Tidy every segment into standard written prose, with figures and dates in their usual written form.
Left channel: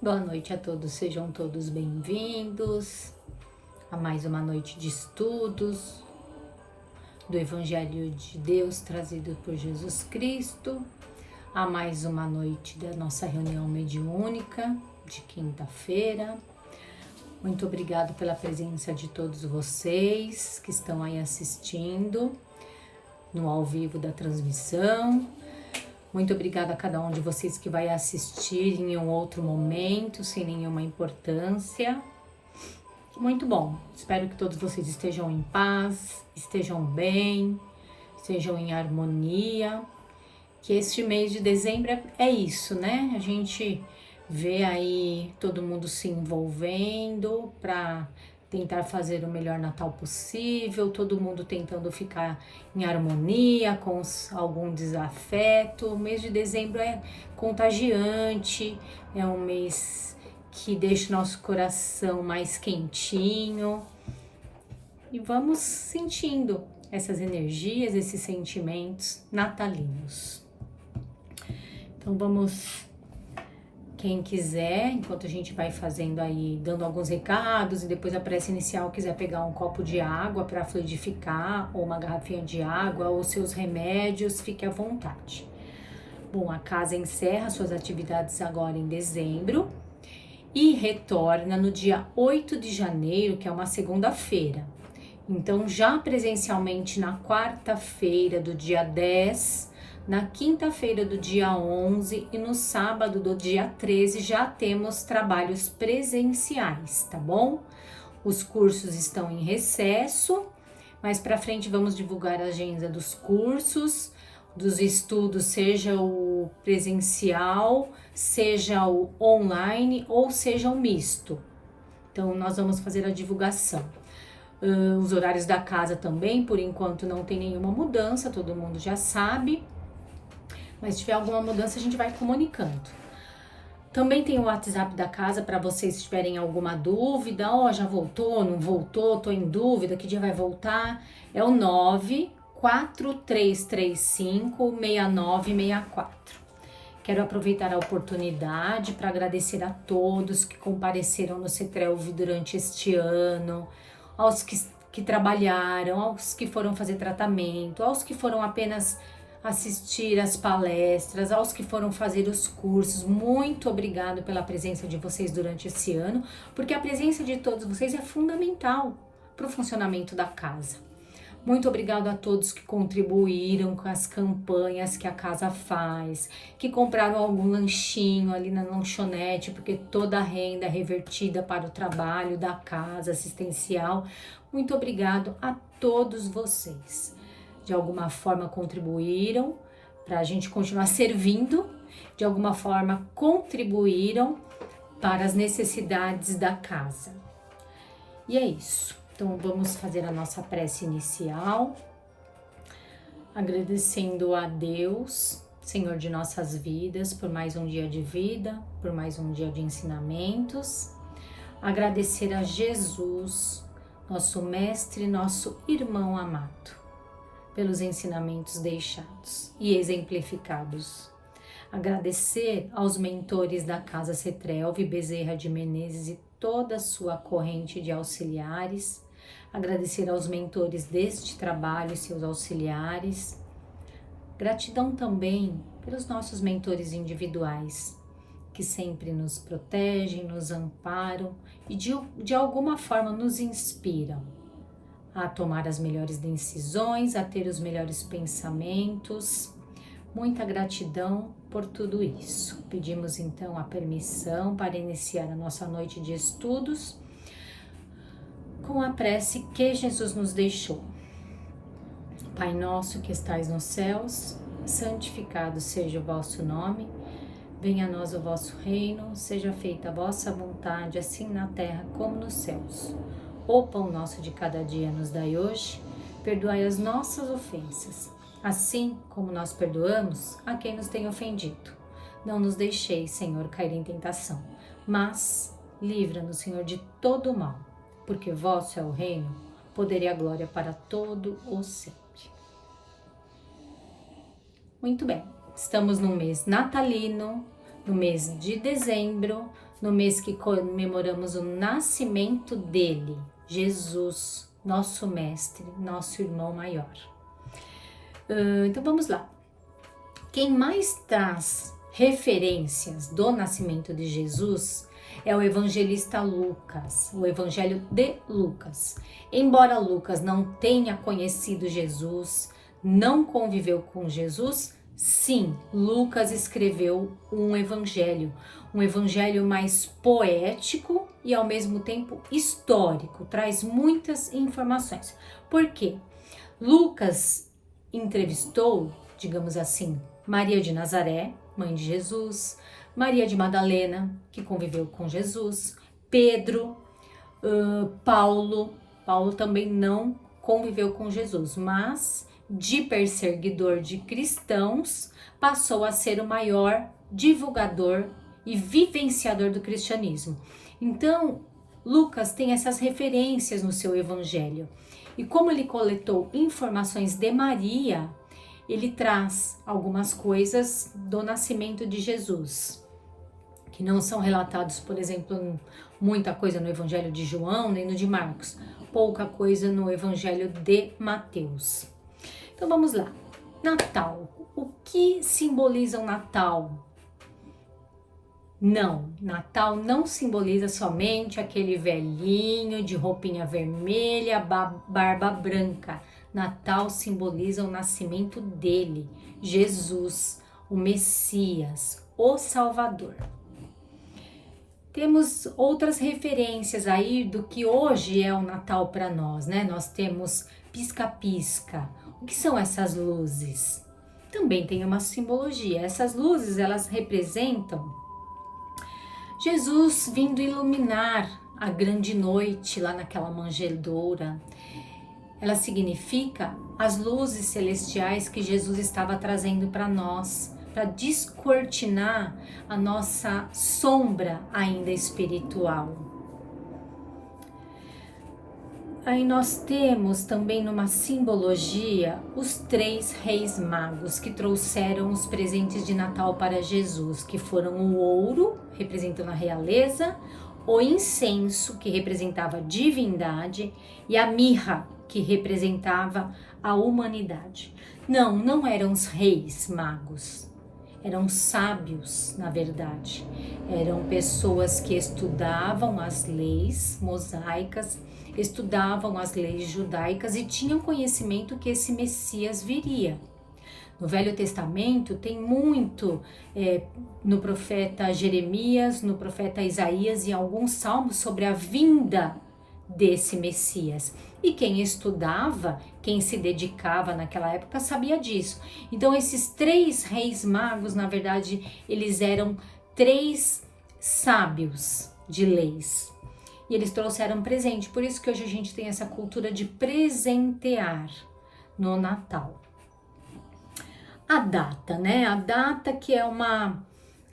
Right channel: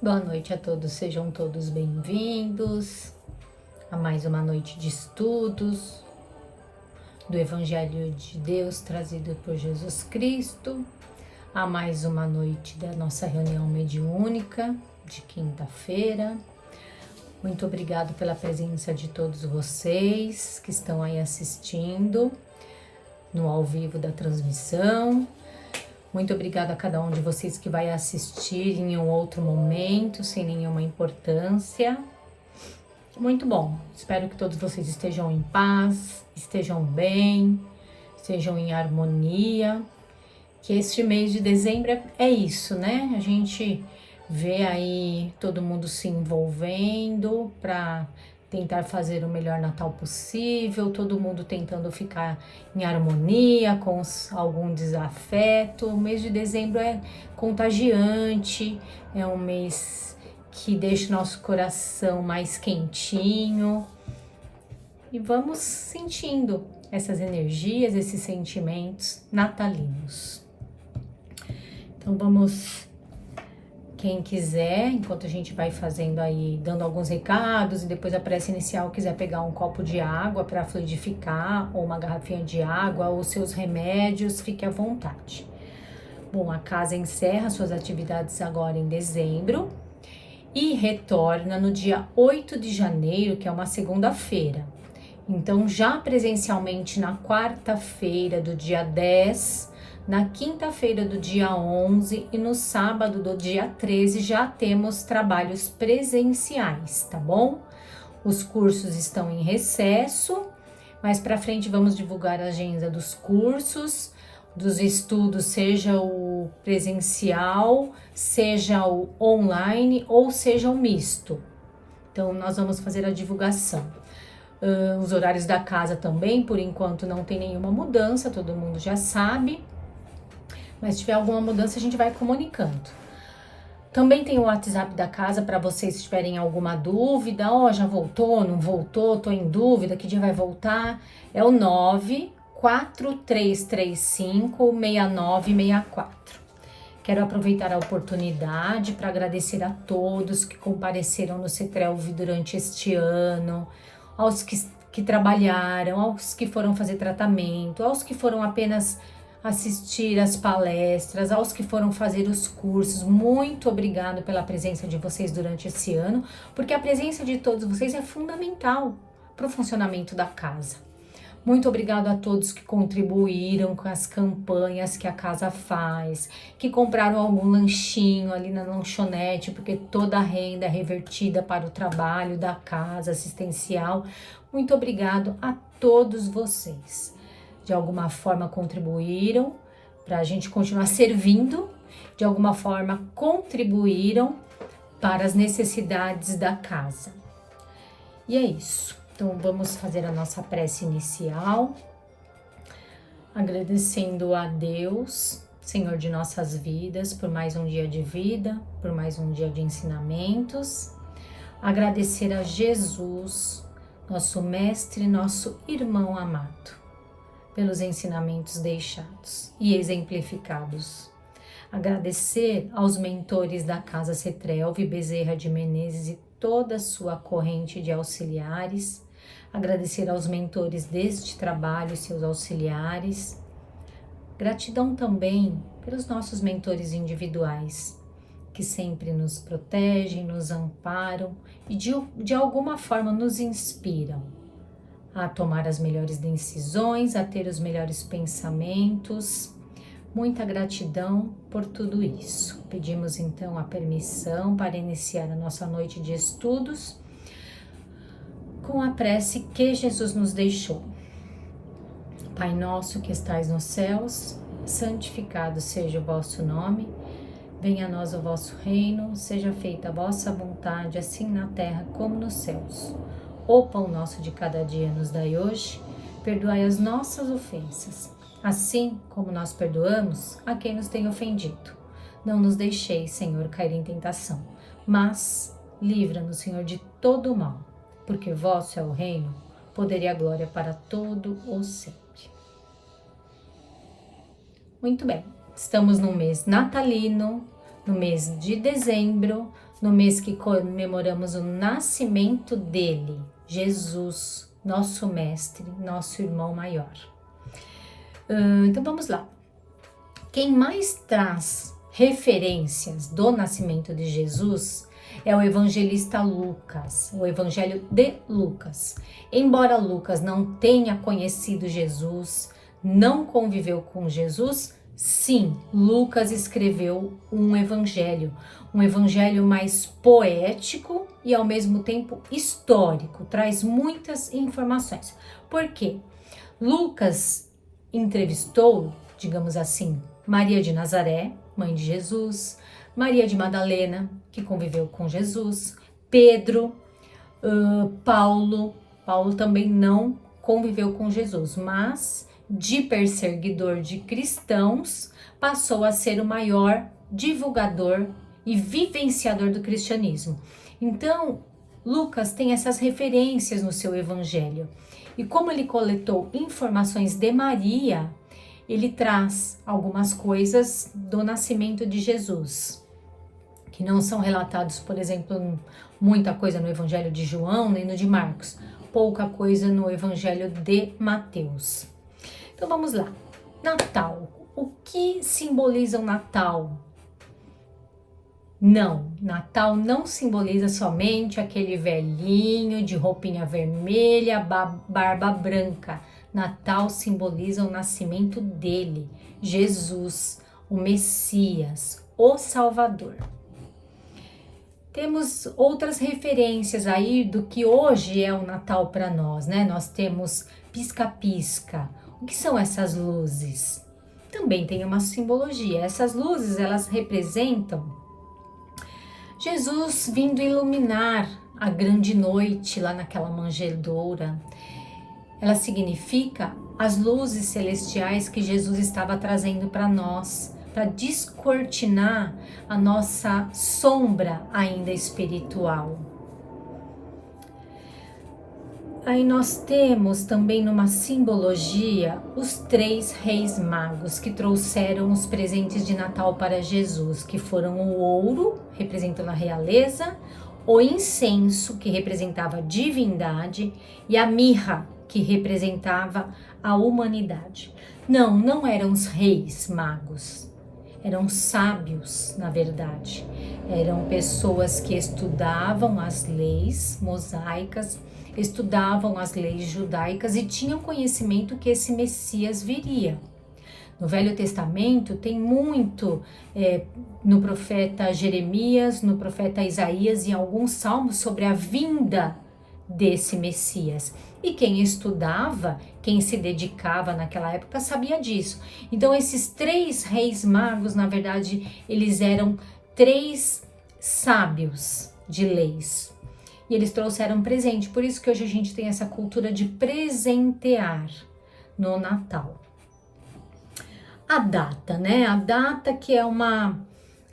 Boa noite a todos, sejam todos bem-vindos a mais uma noite de estudos do Evangelho de Deus trazido por Jesus Cristo, a mais uma noite da nossa reunião mediúnica de quinta-feira. Muito obrigado pela presença de todos vocês que estão aí assistindo no ao vivo da transmissão. Muito obrigada a cada um de vocês que vai assistir em um outro momento, sem nenhuma importância. Muito bom. Espero que todos vocês estejam em paz, estejam bem, estejam em harmonia. Que este mês de dezembro é isso, né? A gente vê aí todo mundo se envolvendo para tentar fazer o melhor Natal possível, todo mundo tentando ficar em harmonia, com algum desafeto. O mês de dezembro é contagiante, é um mês que deixa o nosso coração mais quentinho. E vamos sentindo essas energias, esses sentimentos natalinos. Então vamos... Quem quiser, enquanto a gente vai fazendo aí, dando alguns recados, e depois a prece inicial, quiser pegar um copo de água para fluidificar, ou uma garrafinha de água, ou seus remédios, fique à vontade. Bom, a casa encerra suas atividades agora em dezembro e retorna no dia 8 de janeiro, que é uma segunda-feira. Então, já presencialmente na quarta-feira do dia 10, na quinta-feira do dia 11 e no sábado do dia 13 já temos trabalhos presenciais, tá bom? Os cursos estão em recesso, mais para frente vamos divulgar a agenda dos cursos, dos estudos, seja o presencial, seja o online ou seja o misto. Então, nós vamos fazer a divulgação. Os horários da casa também, por enquanto não tem nenhuma mudança, todo mundo já sabe. Mas se tiver alguma mudança, a gente vai comunicando. Também tem o WhatsApp da casa para vocês se tiverem alguma dúvida. Já voltou, não voltou, tô em dúvida, que dia vai voltar? É o 943356964. Quero aproveitar a oportunidade para agradecer a todos que compareceram no CETRELV durante este ano, aos que trabalharam, aos que foram fazer tratamento, aos que foram apenas assistir às palestras, aos que foram fazer os cursos. Muito obrigado pela presença de vocês durante esse ano, porque a presença de todos vocês é fundamental para o funcionamento da casa. Muito obrigado a todos que contribuíram com as campanhas que a casa faz, que compraram algum lanchinho ali na lanchonete, porque toda a renda é revertida para o trabalho da casa assistencial. Muito obrigado a todos vocês. De alguma forma contribuíram para a gente continuar servindo, de alguma forma contribuíram para as necessidades da casa. E é isso. Então vamos fazer a nossa prece inicial, agradecendo a Deus, Senhor de nossas vidas, por mais um dia de vida, por mais um dia de ensinamentos. Agradecer a Jesus, nosso mestre, nosso irmão amado, pelos ensinamentos deixados e exemplificados. Agradecer aos mentores da Casa CETRELV, Bezerra de Menezes e toda a sua corrente de auxiliares. Agradecer aos mentores deste trabalho e seus auxiliares. Gratidão também pelos nossos mentores individuais, que sempre nos protegem, nos amparam e de alguma forma nos inspiram a tomar as melhores decisões, a ter os melhores pensamentos. Muita gratidão por tudo isso. Pedimos então a permissão para iniciar a nossa noite de estudos com a prece que Jesus nos deixou. Pai nosso que estais nos céus, santificado seja o vosso nome. Venha a nós o vosso reino, seja feita a vossa vontade, assim na terra como nos céus. O pão nosso de cada dia nos dai hoje, perdoai as nossas ofensas, assim como nós perdoamos a quem nos tem ofendido. Não nos deixeis, Senhor, cair em tentação, mas livra-nos, Senhor, de todo o mal, porque vosso é o reino, o poder e a glória para todo o sempre. Muito bem, estamos no mês natalino, no mês de dezembro, no mês que comemoramos o nascimento dele, Jesus, nosso mestre, nosso irmão maior. Então vamos lá. Quem mais traz referências do nascimento de Jesus é o evangelista Lucas, o Evangelho de Lucas. Embora Lucas não tenha conhecido Jesus, não conviveu com Jesus, sim, Lucas escreveu um evangelho mais poético e ao mesmo tempo histórico, traz muitas informações. Por quê? Lucas entrevistou, digamos assim, Maria de Nazaré, mãe de Jesus, Maria de Madalena, que conviveu com Jesus, Pedro, Paulo também não conviveu com Jesus, mas de perseguidor de cristãos, passou a ser o maior divulgador e vivenciador do cristianismo. Então, Lucas tem essas referências no seu evangelho. E como ele coletou informações de Maria, ele traz algumas coisas do nascimento de Jesus, que não são relatados, por exemplo, muita coisa no Evangelho de João, nem no de Marcos, pouca coisa no Evangelho de Mateus. Então vamos lá. Natal. O que simboliza o Natal? Não, Natal não simboliza somente aquele velhinho de roupinha vermelha, barba branca. Natal simboliza o nascimento dele, Jesus, o Messias, o Salvador. Temos outras referências aí do que hoje é o Natal para nós, né? Nós temos pisca-pisca. O que são essas luzes? Também tem uma simbologia. Essas luzes, elas representam Jesus vindo iluminar a grande noite lá naquela manjedoura. Ela significa as luzes celestiais que Jesus estava trazendo para nós, para descortinar a nossa sombra ainda espiritual. Aí nós temos também numa simbologia os 3 reis magos que trouxeram os presentes de Natal para Jesus, que foram o ouro, representando a realeza, o incenso, que representava a divindade, e a mirra, que representava a humanidade. Não eram os reis magos, eram sábios, na verdade. Eram pessoas que estudavam as leis mosaicas, estudavam as leis judaicas e tinham conhecimento que esse Messias viria. No Velho Testamento tem muito no profeta Jeremias, no profeta Isaías e alguns salmos sobre a vinda desse Messias. E quem estudava, quem se dedicava naquela época sabia disso. Então esses 3 reis magos, na verdade, eles eram 3 sábios de leis. E eles trouxeram presente. Por isso que hoje a gente tem essa cultura de presentear no Natal. A data, né? A data que é uma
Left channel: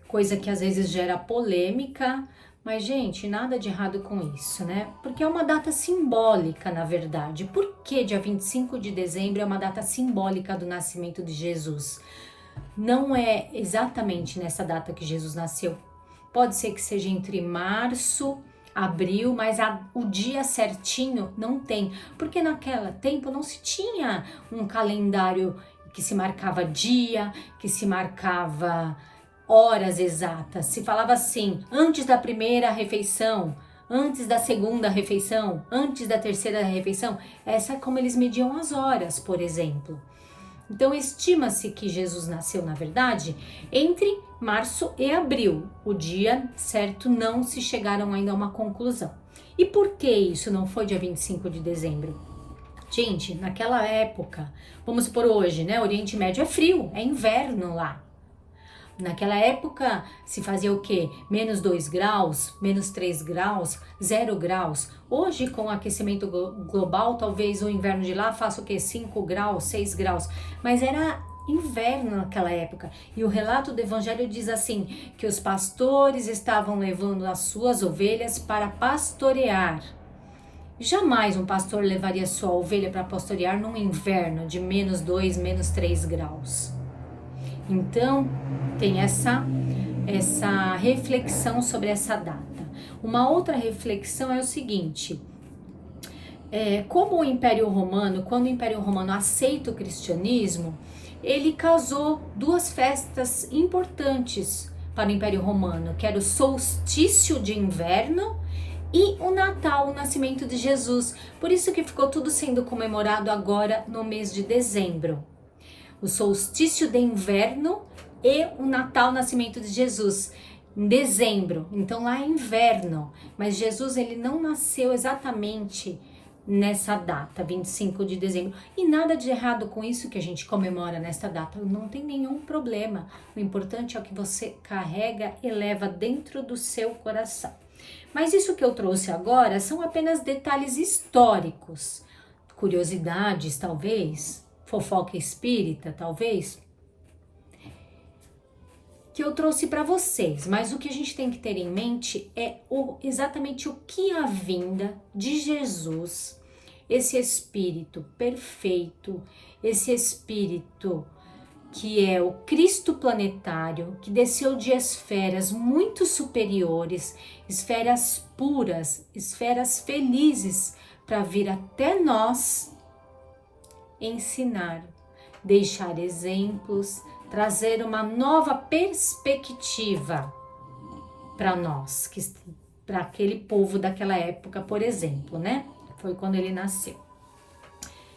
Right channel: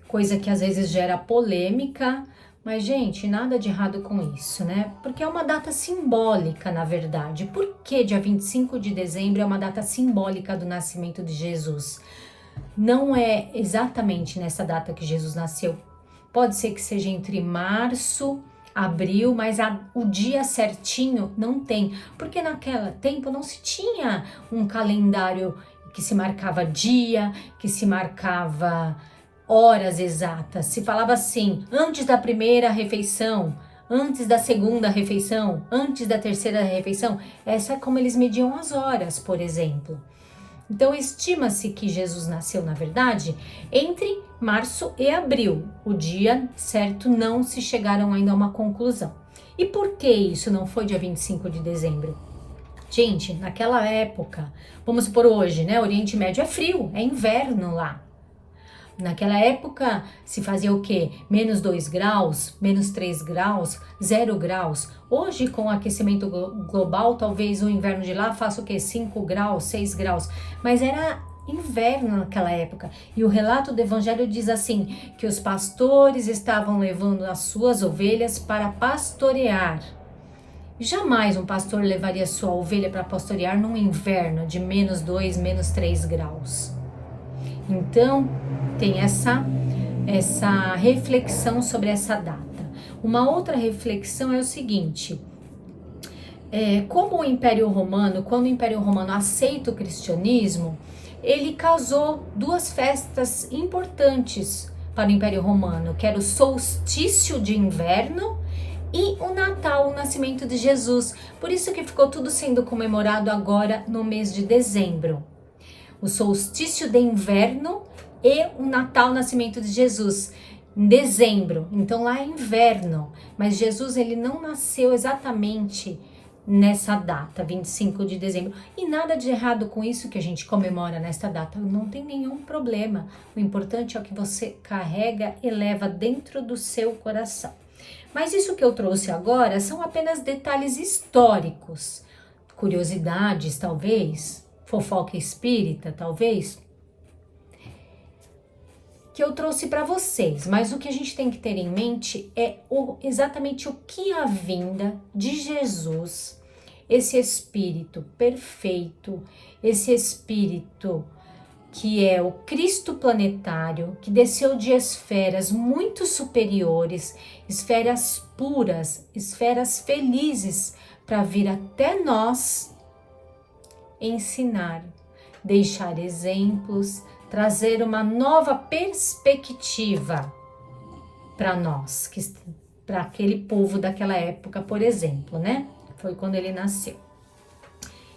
coisa que às vezes gera polêmica, mas, gente, nada de errado com isso, né? Porque é uma data simbólica, na verdade. Por que dia 25 de dezembro é uma data simbólica do nascimento de Jesus? Não é exatamente nessa data que Jesus nasceu. Pode ser que seja entre março, abril, mas o dia certinho não tem. Porque naquele tempo não se tinha um calendário que se marcava dia, que se marcava horas exatas. Se falava assim, antes da primeira refeição, antes da segunda refeição, antes da terceira refeição. Essa é como eles mediam as horas, por exemplo. Então, estima-se que Jesus nasceu, na verdade, entre março e abril. O dia certo não se chegaram ainda a uma conclusão. E por que isso não foi dia 25 de dezembro? Gente, naquela época, vamos supor hoje, né? Oriente Médio é frio, é inverno lá. Naquela época se fazia o quê? Menos 2 graus, menos 3 graus, 0 graus. Hoje, com o aquecimento global, talvez o inverno de lá faça o quê? 5 graus, 6 graus. Mas era inverno naquela época. E o relato do evangelho diz assim, que os pastores estavam levando as suas ovelhas para pastorear. Jamais um pastor levaria sua ovelha para pastorear num inverno de menos 2, menos 3 graus. Então, tem essa essa reflexão sobre essa data. Uma outra reflexão é o seguinte: como o Império Romano, quando o Império Romano aceita o cristianismo, ele casou duas festas importantes para o Império Romano, que era o solstício de inverno e o Natal, o nascimento de Jesus. Por isso que ficou tudo sendo comemorado agora no mês de dezembro. O solstício de inverno e o Natal, o nascimento de Jesus, em dezembro. Então lá é inverno, mas Jesus ele não nasceu exatamente nessa data, 25 de dezembro. E nada de errado com isso que a gente comemora nesta data, não tem nenhum problema. O importante é o que você carrega e leva dentro do seu coração. Mas isso que eu trouxe agora são apenas detalhes históricos, curiosidades talvez, fofoca espírita talvez, que eu trouxe para vocês. Mas o que a gente tem que ter em mente é exatamente o que a vinda de Jesus, esse Espírito perfeito, esse Espírito que é o Cristo planetário, que desceu de esferas muito superiores, esferas puras, esferas felizes, para vir até nós ensinar, deixar exemplos, trazer uma nova perspectiva para nós, para aquele povo daquela época, por exemplo, né? Foi quando ele nasceu.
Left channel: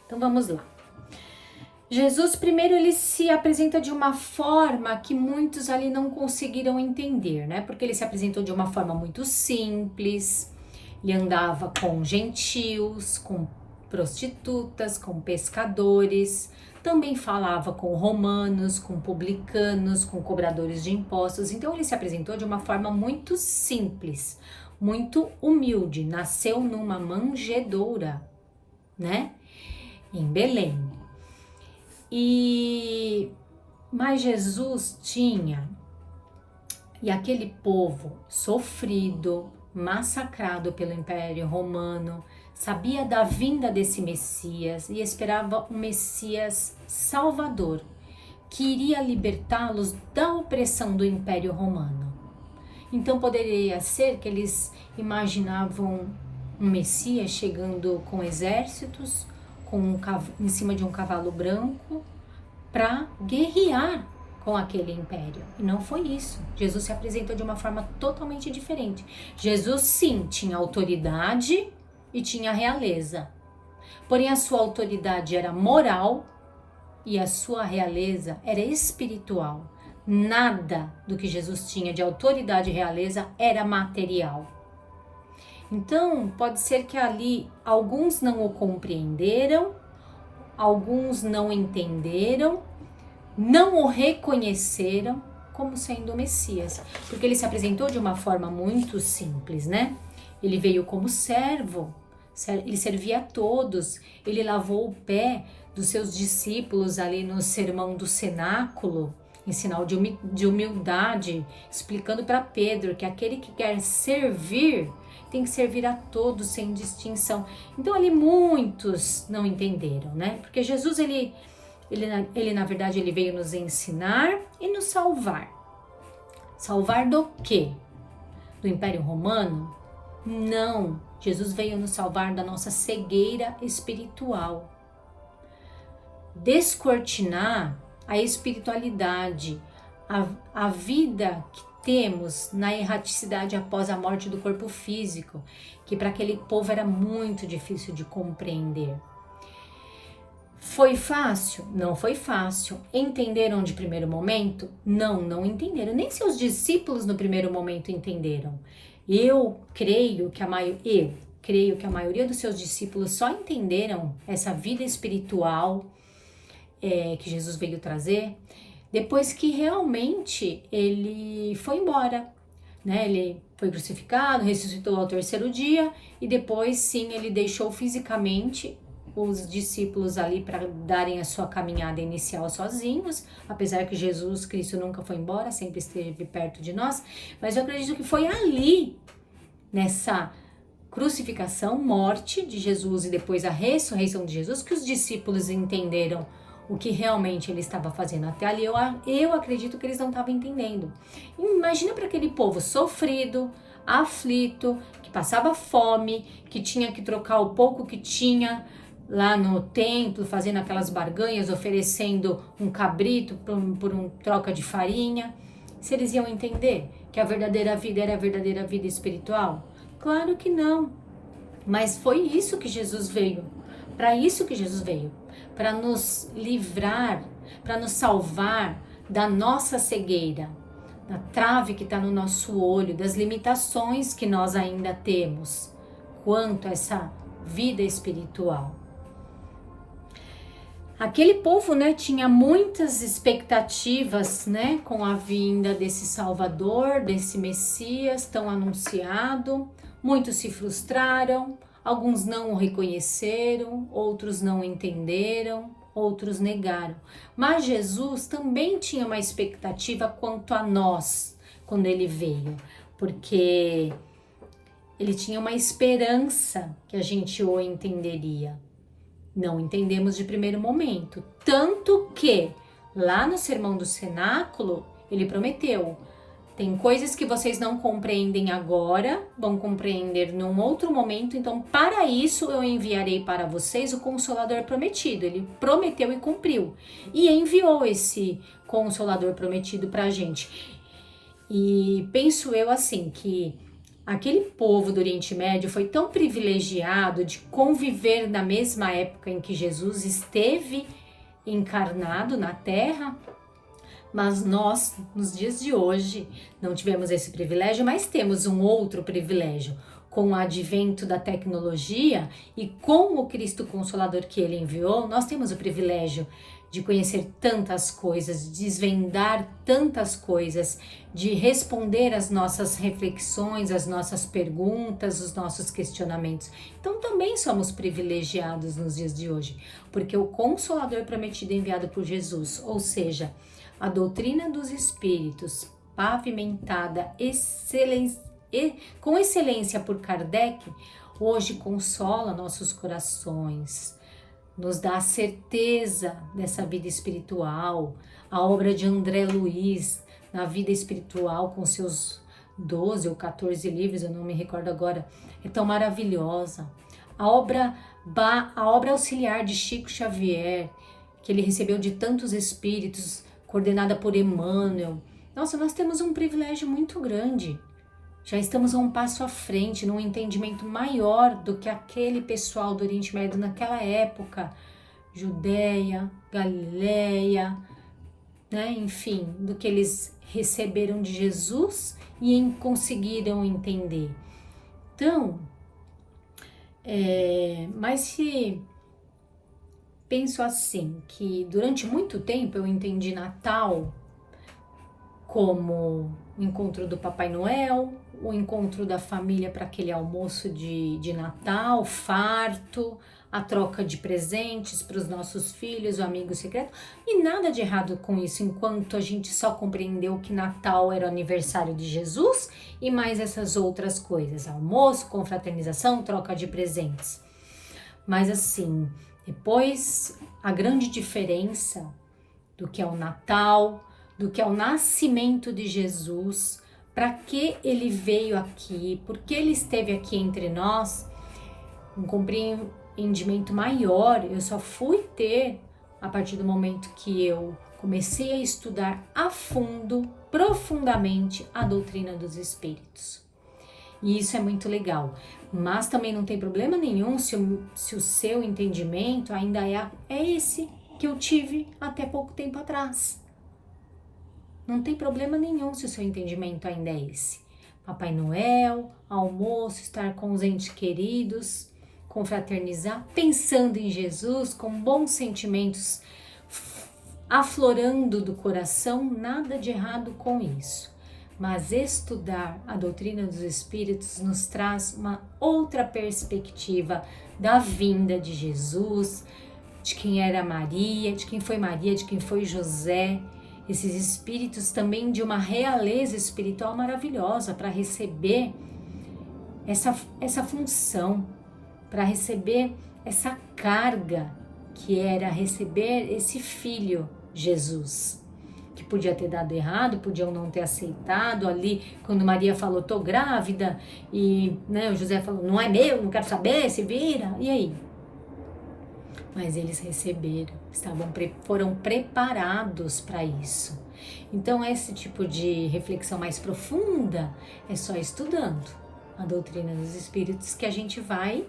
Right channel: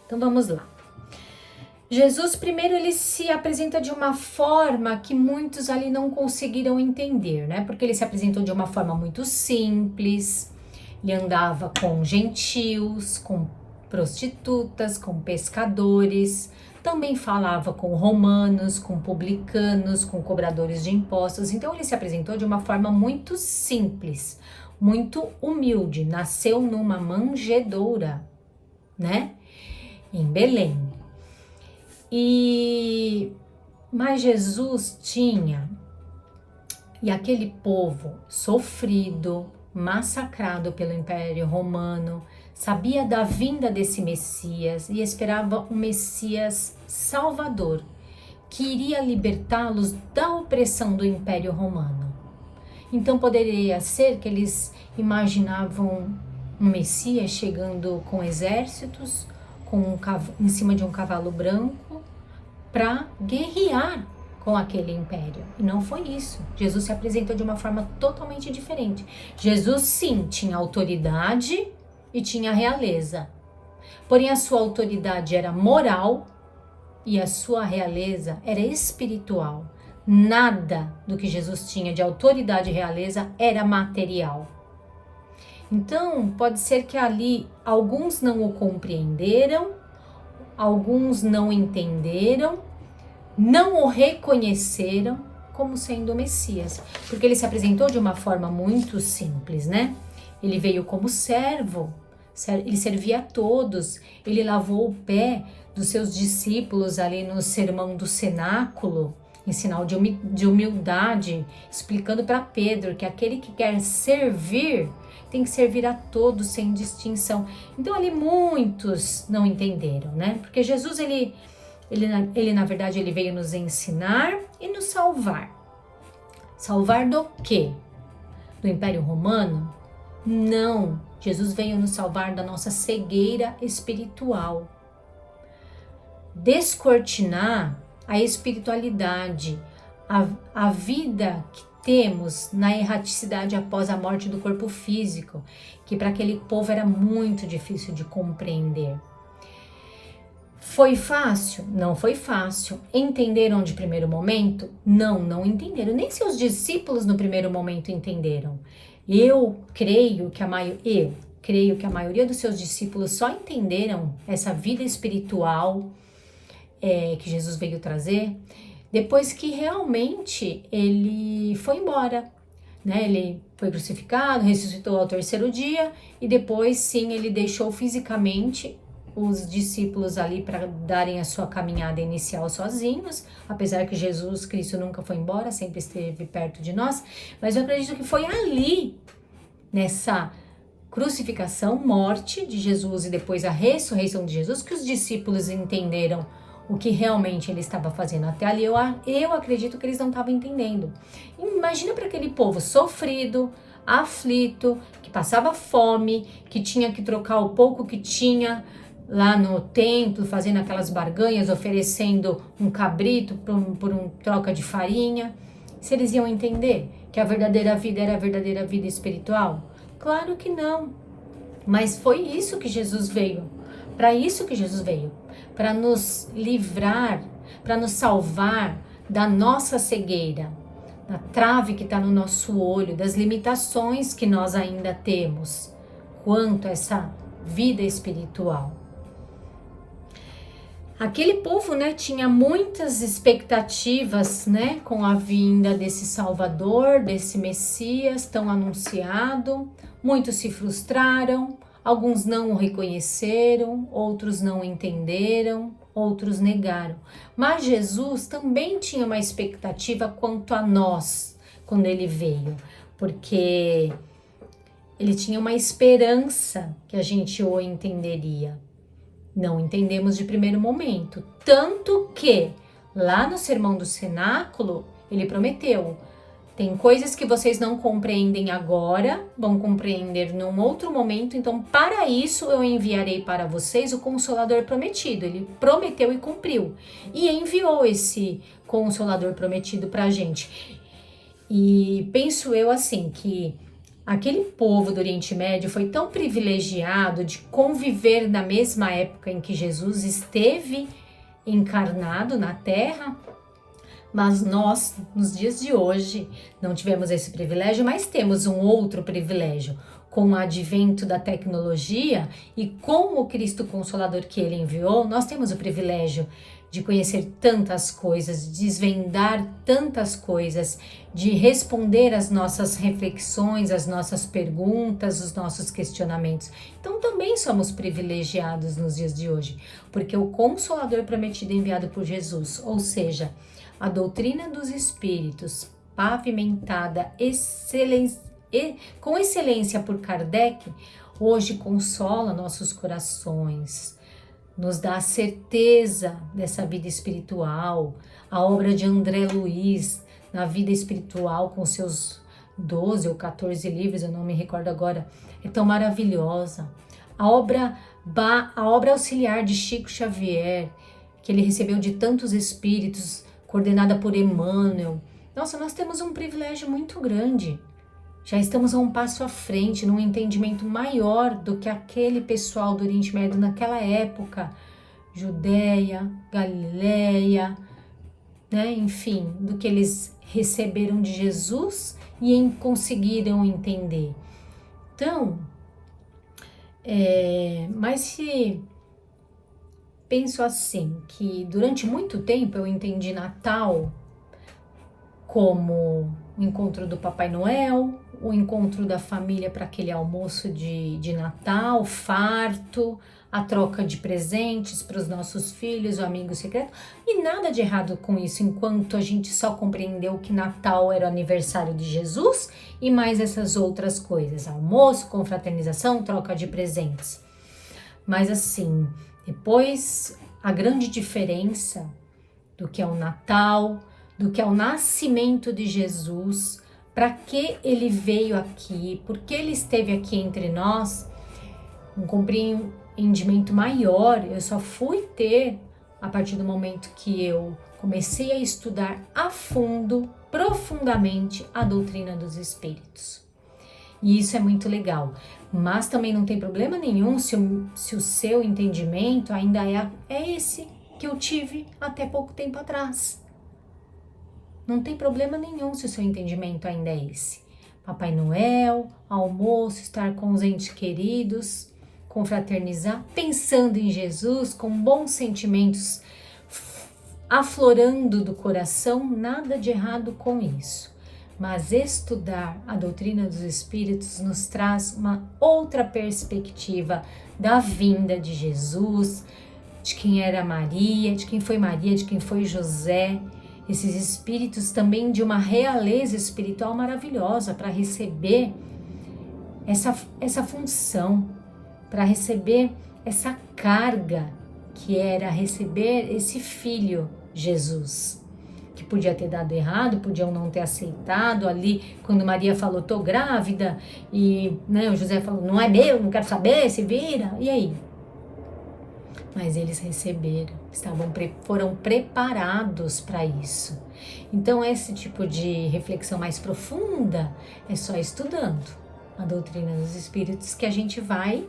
Então vamos lá. Jesus, primeiro, ele se apresenta de uma forma que muitos ali não conseguiram entender, né? Porque ele se apresentou de uma forma muito simples, ele andava com gentios, com prostitutas, com pescadores, também falava com romanos, com publicanos, com cobradores de impostos. Então ele se apresentou de uma forma muito simples, muito humilde, nasceu numa manjedoura, né? Em Belém. Mas Jesus tinha, e aquele povo sofrido, massacrado pelo Império Romano, sabia da vinda desse Messias e esperava um Messias salvador, que iria libertá-los da opressão do Império Romano. Então poderia ser que eles imaginavam um Messias chegando com exércitos, em cima de um cavalo branco, para guerrear com aquele império. E não foi isso. Jesus se apresentou de uma forma totalmente diferente. Jesus, sim, tinha autoridade e tinha realeza. Porém, a sua autoridade era moral e a sua realeza era espiritual. Nada do que Jesus tinha de autoridade e realeza era material. Então, pode ser que ali alguns não o compreenderam, alguns não entenderam, não o reconheceram como sendo o Messias, porque ele se apresentou de uma forma muito simples, né? Ele veio como servo, ele servia a todos, ele lavou o pé dos seus discípulos ali no sermão do cenáculo, em sinal de humildade, explicando para Pedro que aquele que quer servir tem que servir a todos sem distinção. Então ali muitos não entenderam, né? Porque Jesus, ele na verdade, ele veio nos ensinar e nos salvar. Salvar do quê? Do Império Romano? Não, Jesus veio nos salvar da nossa cegueira espiritual. Descortinar a espiritualidade, a vida que temos na erraticidade após a morte do corpo físico, que para aquele povo era muito difícil de compreender. Foi fácil? Não foi fácil. Entenderam de primeiro momento? Não entenderam. Nem seus discípulos no primeiro momento entenderam. Eu creio que a maioria dos seus discípulos só entenderam essa vida espiritual que Jesus veio trazer depois que realmente ele foi embora, né? Ele foi crucificado, ressuscitou ao terceiro dia e depois sim ele deixou fisicamente os discípulos ali para darem a sua caminhada inicial sozinhos, apesar que Jesus Cristo nunca foi embora, sempre esteve perto de nós, mas eu acredito que foi ali, nessa crucificação, morte de Jesus e depois a ressurreição de Jesus, que os discípulos entenderam o que realmente ele estava fazendo. Até ali eu acredito que eles não estavam entendendo. Imagina para aquele povo sofrido, aflito, que passava fome, que tinha que trocar o pouco que tinha lá no templo, fazendo aquelas barganhas, oferecendo um cabrito por um troca de farinha. Se eles iam entender que a verdadeira vida era a verdadeira vida espiritual? Claro que não. Mas foi isso que Jesus veio. Para isso que Jesus veio. Para nos livrar, para nos salvar da nossa cegueira, da trave que está no nosso olho, das limitações que nós ainda temos quanto a essa vida espiritual. Aquele povo, né, tinha muitas expectativas, né, com a vinda desse Salvador, desse Messias tão anunciado. Muitos se frustraram, alguns não o reconheceram, outros não entenderam, outros negaram. Mas Jesus também tinha uma expectativa quanto a nós, quando ele veio, porque ele tinha uma esperança que a gente o entenderia. Não entendemos de primeiro momento, tanto que lá no Sermão do Cenáculo ele prometeu: tem coisas que vocês não compreendem agora, vão compreender num outro momento, então para isso eu enviarei para vocês o Consolador prometido. Ele prometeu e cumpriu, e enviou esse Consolador prometido para a gente. E penso eu assim, que aquele povo do Oriente Médio foi tão privilegiado de conviver na mesma época em que Jesus esteve encarnado na Terra, mas nós, nos dias de hoje, não tivemos esse privilégio, mas temos um outro privilégio. Com o advento da tecnologia e com o Cristo Consolador que ele enviou, nós temos o privilégio de conhecer tantas coisas, de desvendar tantas coisas, de responder às nossas reflexões, às nossas perguntas, os nossos questionamentos. Então também somos privilegiados nos dias de hoje, porque o Consolador prometido enviado por Jesus, ou seja, a doutrina dos Espíritos, pavimentada com excelência por Kardec, hoje consola nossos corações, nos dá a certeza dessa vida espiritual. A obra de André Luiz, na vida espiritual, com seus 12 ou 14 livros, eu não me recordo agora, é tão maravilhosa. A obra auxiliar de Chico Xavier, que ele recebeu de tantos espíritos, coordenada por Emmanuel. Nossa, nós temos um privilégio muito grande. Já estamos a um passo à frente, num entendimento maior do que aquele pessoal do Oriente Médio naquela época. Judéia, Galileia, né? Enfim, do que eles receberam de Jesus e conseguiram entender. Então, mas se penso assim, que durante muito tempo eu entendi Natal como o encontro do Papai Noel, o encontro da família para aquele almoço de Natal, farto, a troca de presentes para os nossos filhos, o amigo secreto, e nada de errado com isso, enquanto a gente só compreendeu que Natal era o aniversário de Jesus e mais essas outras coisas, almoço, confraternização, troca de presentes. Mas assim, depois a grande diferença do que é o Natal, do que é o nascimento de Jesus, para que ele veio aqui, por que ele esteve aqui entre nós, um compreendimento maior eu só fui ter a partir do momento que eu comecei a estudar a fundo, profundamente, a doutrina dos espíritos. E isso é muito legal, mas também não tem problema nenhum se o seu entendimento ainda é esse que eu tive até pouco tempo atrás. Não tem problema nenhum se o seu entendimento ainda é esse. Papai Noel, almoço, estar com os entes queridos, confraternizar, pensando em Jesus, com bons sentimentos aflorando do coração, nada de errado com isso. Mas estudar a doutrina dos Espíritos nos traz uma outra perspectiva da vinda de Jesus, de quem era Maria, de quem foi José, esses espíritos também de uma realeza espiritual maravilhosa para receber essa função, para receber essa carga que era receber esse filho, Jesus, que podia ter dado errado, podiam não ter aceitado ali, quando Maria falou, tô grávida, e né, o José falou, não é meu, não quero saber, se vira, e aí? Mas eles receberam, foram preparados para isso. Então, esse tipo de reflexão mais profunda é só estudando a doutrina dos espíritos que a gente vai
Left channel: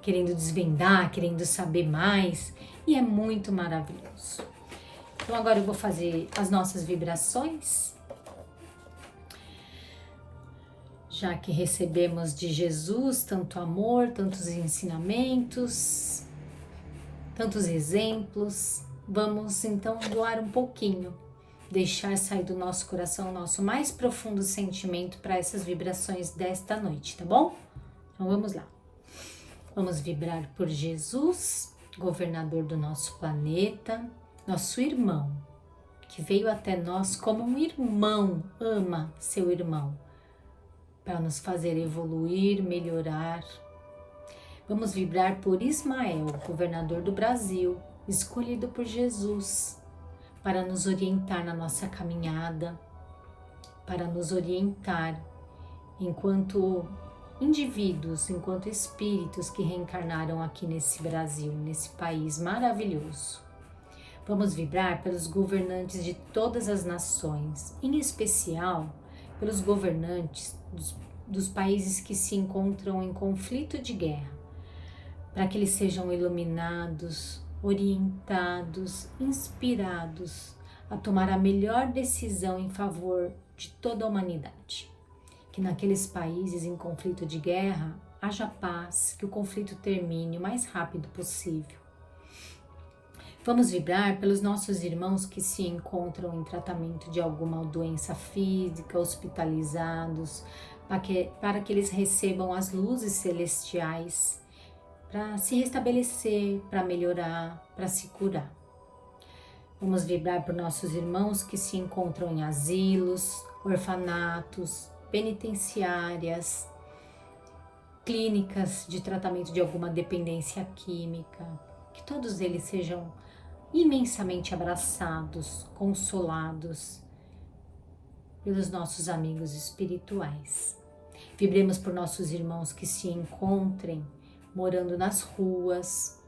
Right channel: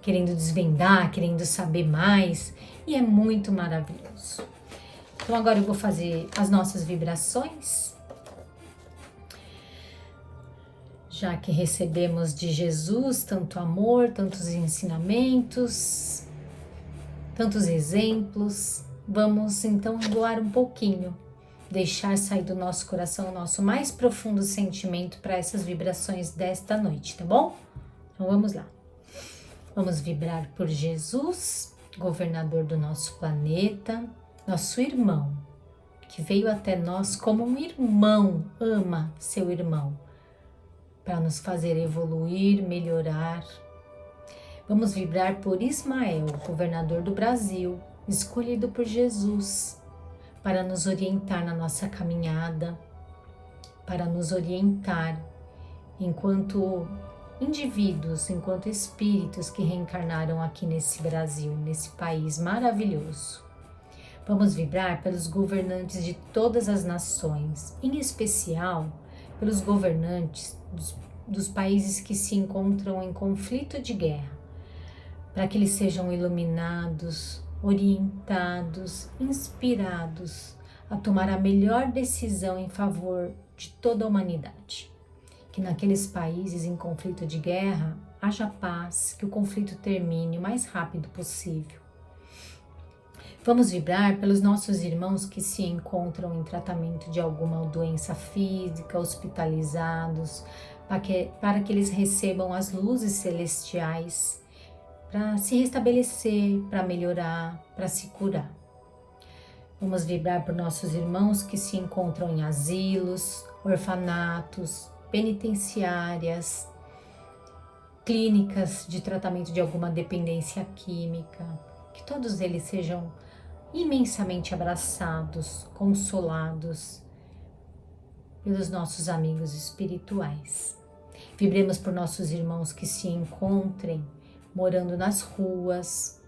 querendo desvendar, querendo saber mais, e é muito maravilhoso. Então, agora eu vou fazer as nossas vibrações, já que recebemos de Jesus tanto amor, tantos ensinamentos, tantos exemplos. Vamos então doar um pouquinho, deixar sair do nosso coração o nosso mais profundo sentimento para essas vibrações desta noite, tá bom? Então vamos lá. Vamos vibrar por Jesus, governador do nosso planeta, nosso irmão, que veio até nós como um irmão, ama seu irmão, para nos fazer evoluir, melhorar. Vamos vibrar por Ismael, governador do Brasil, escolhido por Jesus, para nos orientar na nossa caminhada, para nos orientar enquanto indivíduos, enquanto espíritos que reencarnaram aqui nesse Brasil, nesse país maravilhoso. Vamos vibrar pelos governantes de todas as nações, em especial pelos governantes dos países que se encontram em conflito de guerra, para que eles sejam iluminados, orientados, inspirados a tomar a melhor decisão em favor de toda a humanidade. Que naqueles países em conflito de guerra haja paz, que o conflito termine o mais rápido possível. Vamos vibrar pelos nossos irmãos que se encontram em tratamento de alguma doença física, hospitalizados, para que eles recebam as luzes celestiais, para se restabelecer, para melhorar, para se curar. Vamos vibrar por nossos irmãos que se encontram em asilos, orfanatos, penitenciárias, clínicas de tratamento de alguma dependência química, que todos eles sejam imensamente abraçados, consolados pelos nossos amigos espirituais. Vibremos por nossos irmãos que se encontrem morando nas ruas,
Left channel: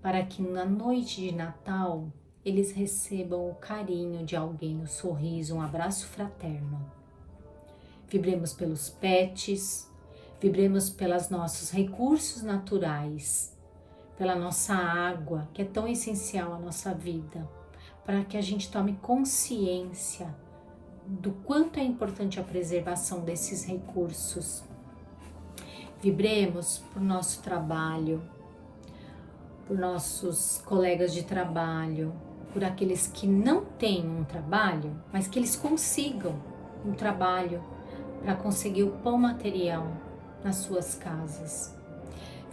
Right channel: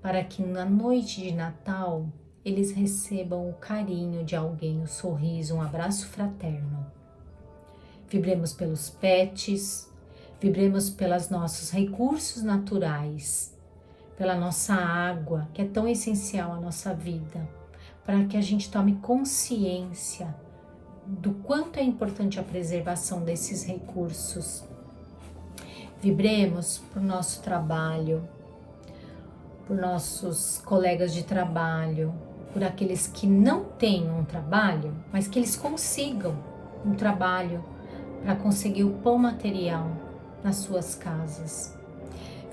para que na noite de Natal eles recebam o carinho de alguém, o sorriso, um abraço fraterno. Vibremos pelos pets, vibremos pelos nossos recursos naturais, pela nossa água, que é tão essencial à nossa vida, para que a gente tome consciência do quanto é importante a preservação desses recursos. Vibremos por nosso trabalho, por nossos colegas de trabalho, por aqueles que não têm um trabalho, mas que eles consigam um trabalho para conseguir o pão material nas suas casas.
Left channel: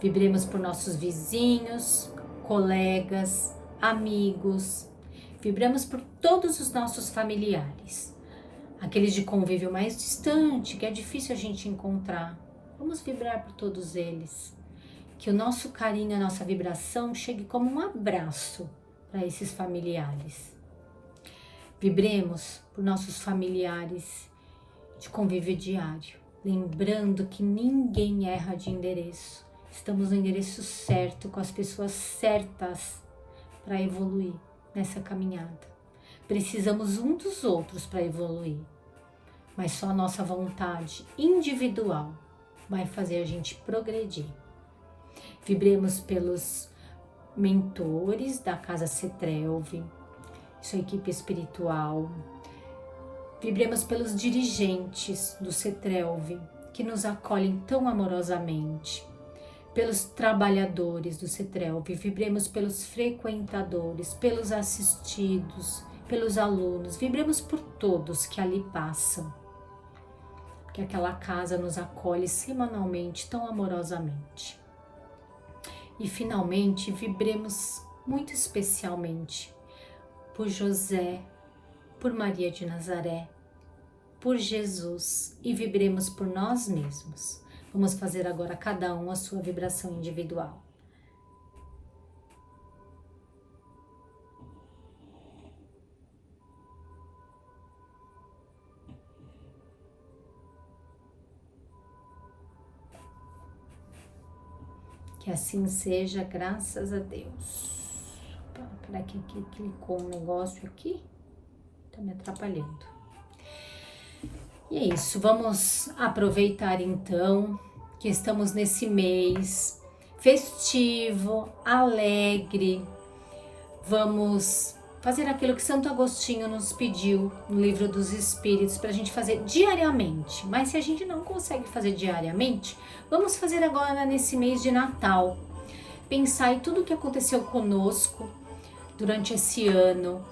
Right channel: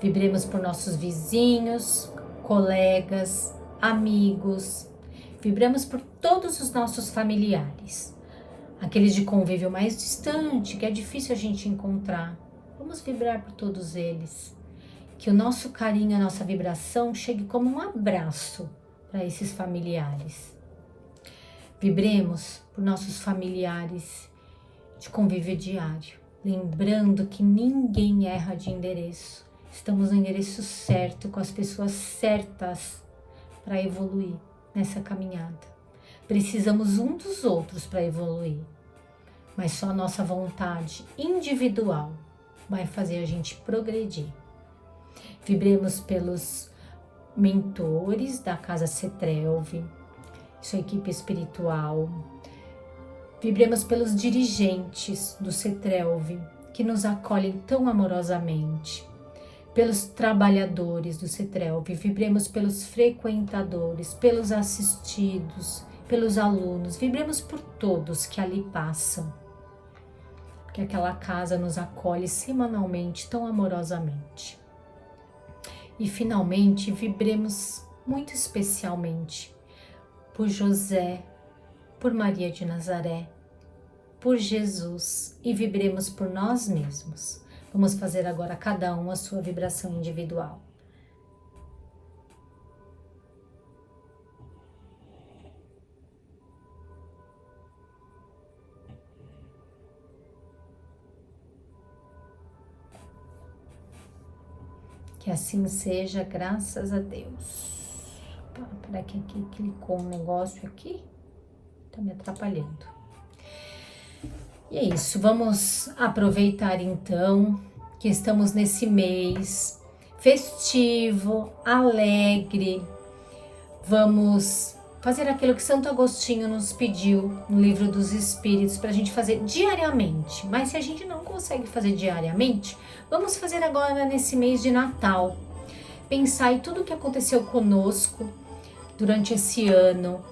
Vibremos por nossos vizinhos, colegas, amigos. Vibramos por todos os nossos familiares, aqueles de convívio mais distante, que é difícil a gente encontrar. Vamos vibrar por todos eles. Que o nosso carinho, a nossa vibração chegue como um abraço para esses familiares. Vibremos por nossos familiares de convívio diário, lembrando que ninguém erra de endereço. Estamos no endereço certo, com as pessoas certas para evoluir nessa caminhada. Precisamos um dos outros para evoluir, mas só a nossa vontade individual vai fazer a gente progredir. Vibremos pelos mentores da Casa Cetrelve, sua equipe espiritual. Vibremos pelos dirigentes do Cetrelve, que nos acolhem tão amorosamente. Pelos trabalhadores do Cetrelve, vibremos pelos frequentadores, pelos assistidos, pelos alunos. Vibremos por todos que ali passam, que aquela casa nos acolhe semanalmente tão amorosamente. E finalmente vibremos muito especialmente por José, por Maria de Nazaré, por Jesus, e vibremos por nós mesmos. Vamos fazer agora cada um a sua vibração individual. Que assim seja, graças a Deus. Peraí que aqui clicou um negócio aqui, tá me atrapalhando. E é isso, vamos aproveitar então que estamos nesse mês festivo, alegre. Vamos fazer aquilo que Santo Agostinho nos pediu no Livro dos Espíritos para a gente fazer diariamente. Mas se a gente não consegue fazer diariamente, vamos fazer agora nesse mês de Natal. Pensar em tudo o que aconteceu conosco durante esse ano,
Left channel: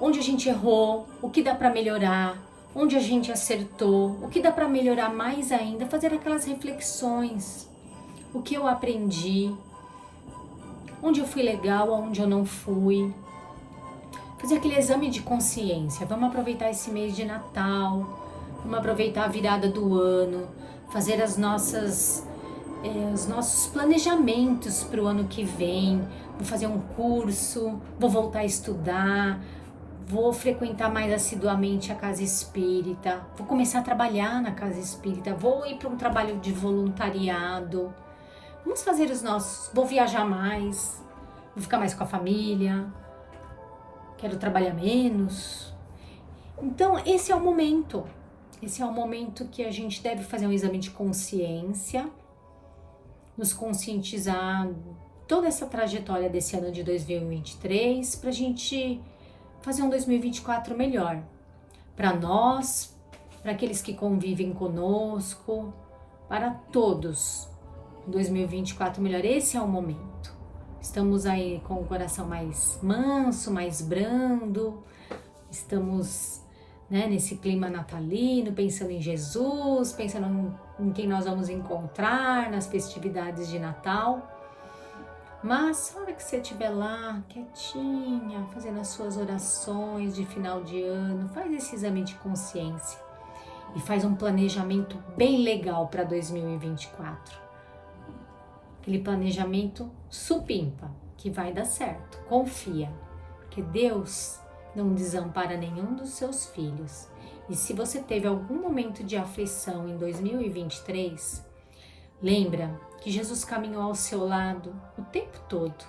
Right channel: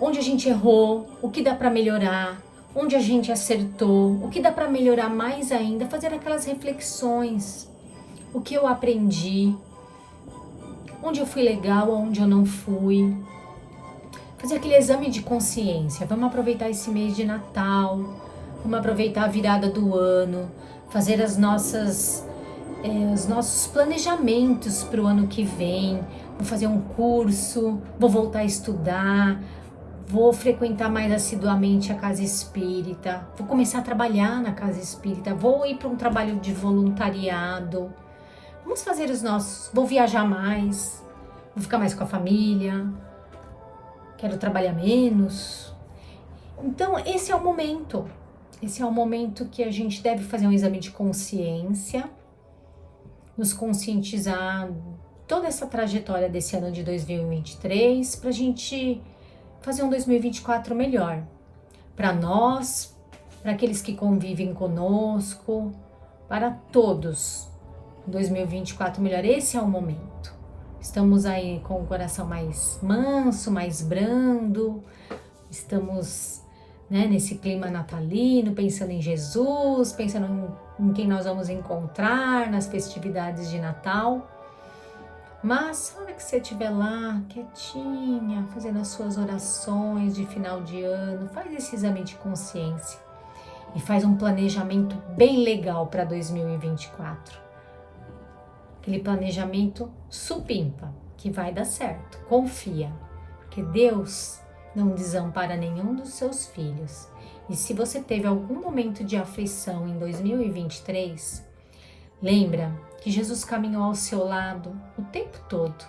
onde a gente errou, o que dá para melhorar, onde a gente acertou, o que dá para melhorar mais ainda, fazer aquelas reflexões, o que eu aprendi, onde eu fui legal, onde eu não fui, fazer aquele exame de consciência. Vamos aproveitar esse mês de Natal, vamos aproveitar a virada do ano, fazer os nossos planejamentos para o ano que vem. Vou fazer um curso, vou voltar a estudar, vou frequentar mais assiduamente a casa espírita, vou começar a trabalhar na casa espírita, vou ir para um trabalho de voluntariado, vamos fazer vou viajar mais, vou ficar mais com a família, quero trabalhar menos. Então esse é o momento que a gente deve fazer um exame de consciência, nos conscientizar toda essa trajetória desse ano de 2023 para a gente fazer um 2024 melhor para nós, para aqueles que convivem conosco, para todos. 2024 melhor, esse é o momento. Estamos aí com o coração mais manso, mais brando, estamos nesse clima natalino, pensando em Jesus, pensando em quem nós vamos encontrar nas festividades de Natal. Mas na hora que você estiver lá, quietinha, fazendo as suas orações de final de ano, faz esse exame de consciência e faz um planejamento bem legal para 2024. Aquele planejamento supimpa, que vai dar certo, confia, porque Deus não desampara nenhum dos seus filhos. E se você teve algum momento de aflição em 2023, lembra que Jesus caminhou ao seu lado o tempo todo.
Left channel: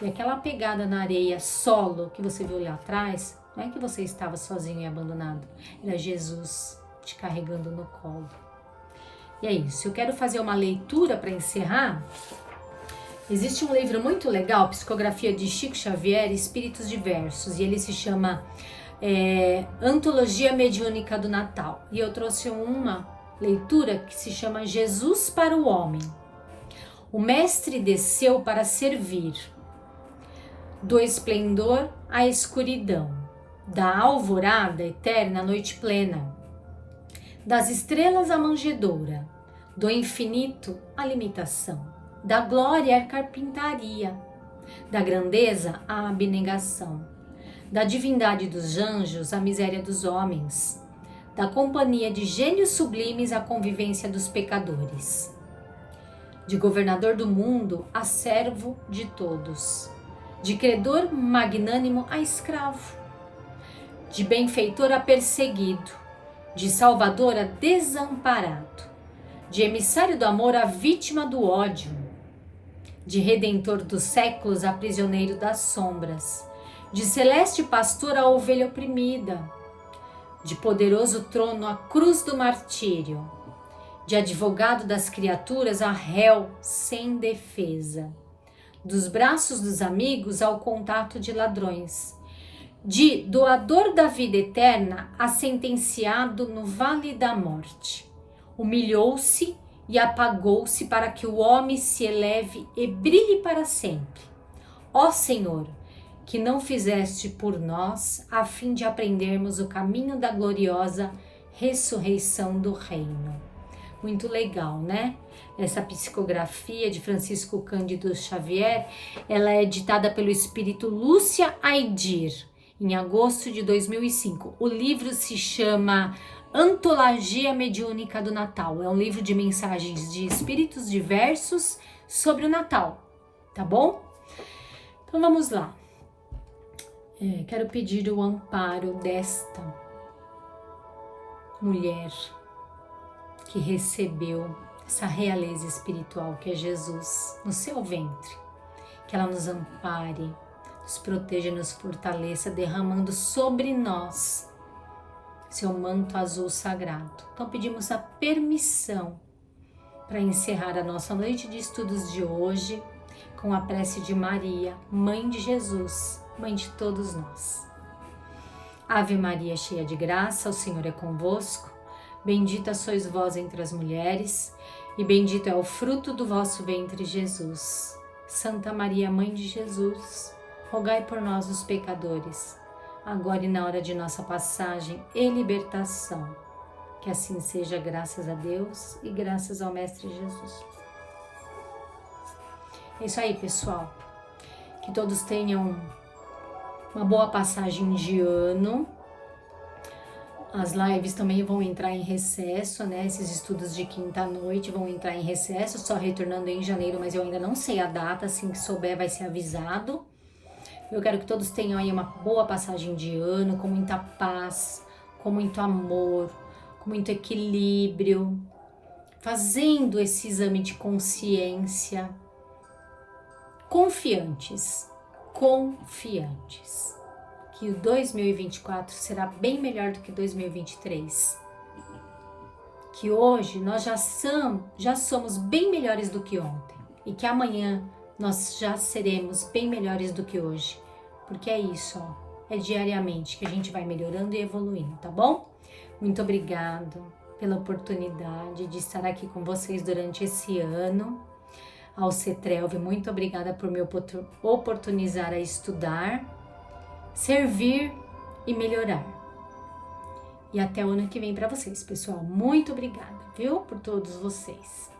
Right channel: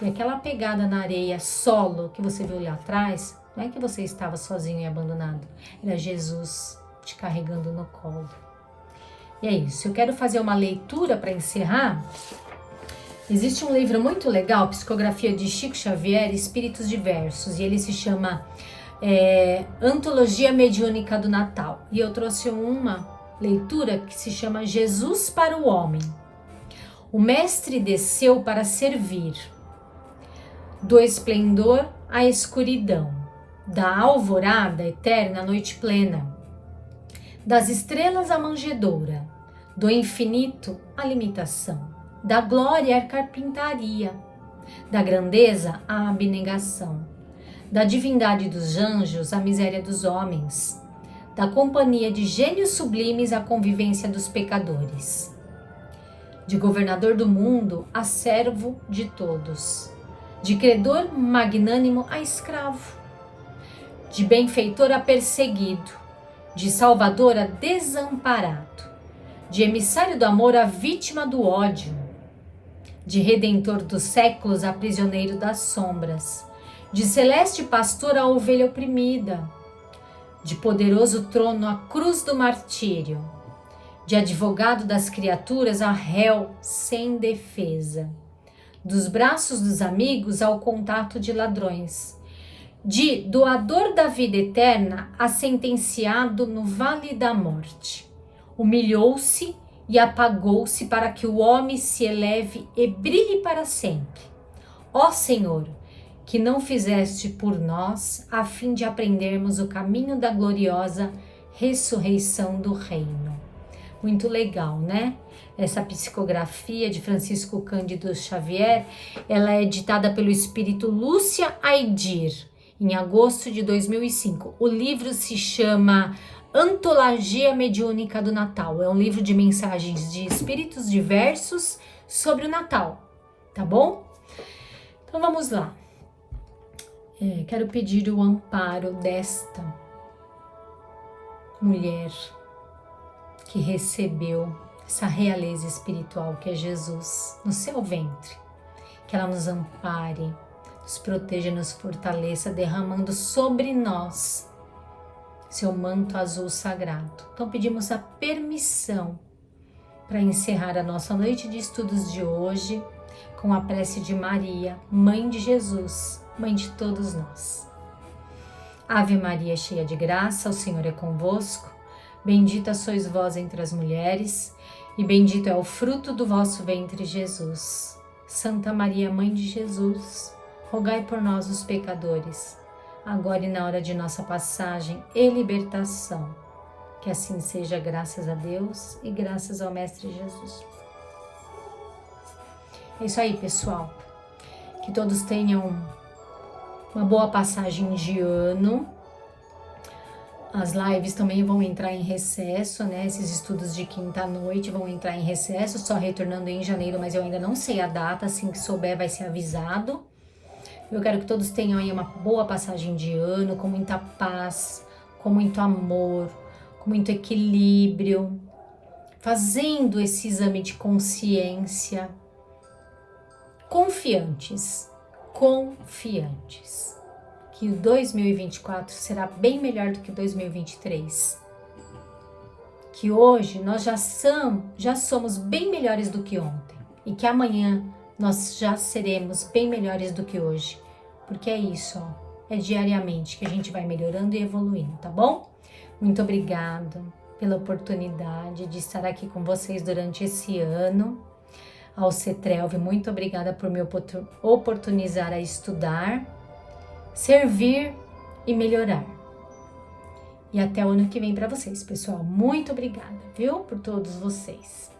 E aquela pegada na areia solo que você viu lá atrás, não é que você estava sozinho e abandonado, era Jesus te carregando no colo. E é isso, eu quero fazer uma leitura para encerrar. Existe um livro muito legal, Psicografia de Chico Xavier, Espíritos Diversos, e ele se chama Antologia Mediúnica do Natal. E eu trouxe uma leitura que se chama Jesus para o Homem. O mestre desceu para servir, do esplendor à escuridão, da alvorada eterna à noite plena, das estrelas à manjedoura, do infinito à limitação, da glória à carpintaria, da grandeza à abnegação, da divindade dos anjos à miséria dos homens, da companhia de gênios sublimes à convivência dos pecadores, de governador do mundo a servo de todos, de credor magnânimo a escravo, de benfeitor a perseguido, de salvador a desamparado, de emissário do amor a vítima do ódio, de redentor dos séculos a prisioneiro das sombras, de celeste pastor a ovelha oprimida, de poderoso trono a cruz do martírio, de advogado das criaturas a réu sem defesa, dos braços dos amigos ao contato de ladrões, de doador da vida eterna a sentenciado no vale da morte. Humilhou-se e apagou-se para que o homem se eleve e brilhe para sempre. Ó Senhor, que não fizeste por nós a fim de aprendermos o caminho da gloriosa ressurreição do reino. Muito legal, né? Essa psicografia de Francisco Cândido Xavier, ela é editada pelo espírito Lúcia Aidir, em agosto de 2005. O livro se chama Antologia Mediúnica do Natal. É um livro de mensagens de espíritos diversos sobre o Natal, tá bom? Então vamos lá. Quero pedir o amparo desta mulher que recebeu essa realeza espiritual que é Jesus no seu ventre, que ela nos ampare, nos proteja, nos fortaleça, derramando sobre nós seu manto azul sagrado. Então pedimos a permissão para encerrar a nossa noite de estudos de hoje com a prece de Maria, Mãe de Jesus, Mãe de todos nós. Ave Maria, cheia de graça, o Senhor é convosco. Bendita sois vós entre as mulheres, e bendito é o fruto do vosso ventre, Jesus. Santa Maria, Mãe de Jesus, rogai por nós, os pecadores, agora e na hora de nossa passagem e libertação. Que assim seja, graças a Deus e graças ao Mestre Jesus. É isso aí, pessoal. Que todos tenham uma boa passagem de ano. As lives também vão entrar em recesso, né? Esses estudos de quinta-noite vão entrar em recesso, só retornando em janeiro, mas eu ainda não sei a data, assim que souber vai ser avisado. Eu quero que todos tenham aí uma boa passagem de ano, com muita paz, com muito amor, com muito equilíbrio, fazendo esse exame de consciência, confiantes, que o 2024 será bem melhor do que 2023. Que hoje nós já somos bem melhores do que ontem. E que amanhã nós já seremos bem melhores do que hoje. Porque é isso, ó. É diariamente que a gente vai melhorando e evoluindo, tá bom? Muito obrigada pela oportunidade de estar aqui com vocês durante esse ano. Ao CETRELV, muito obrigada por me oportunizar a estudar, servir e melhorar. E até o ano que vem para vocês, pessoal. Muito obrigada, viu, por todos vocês.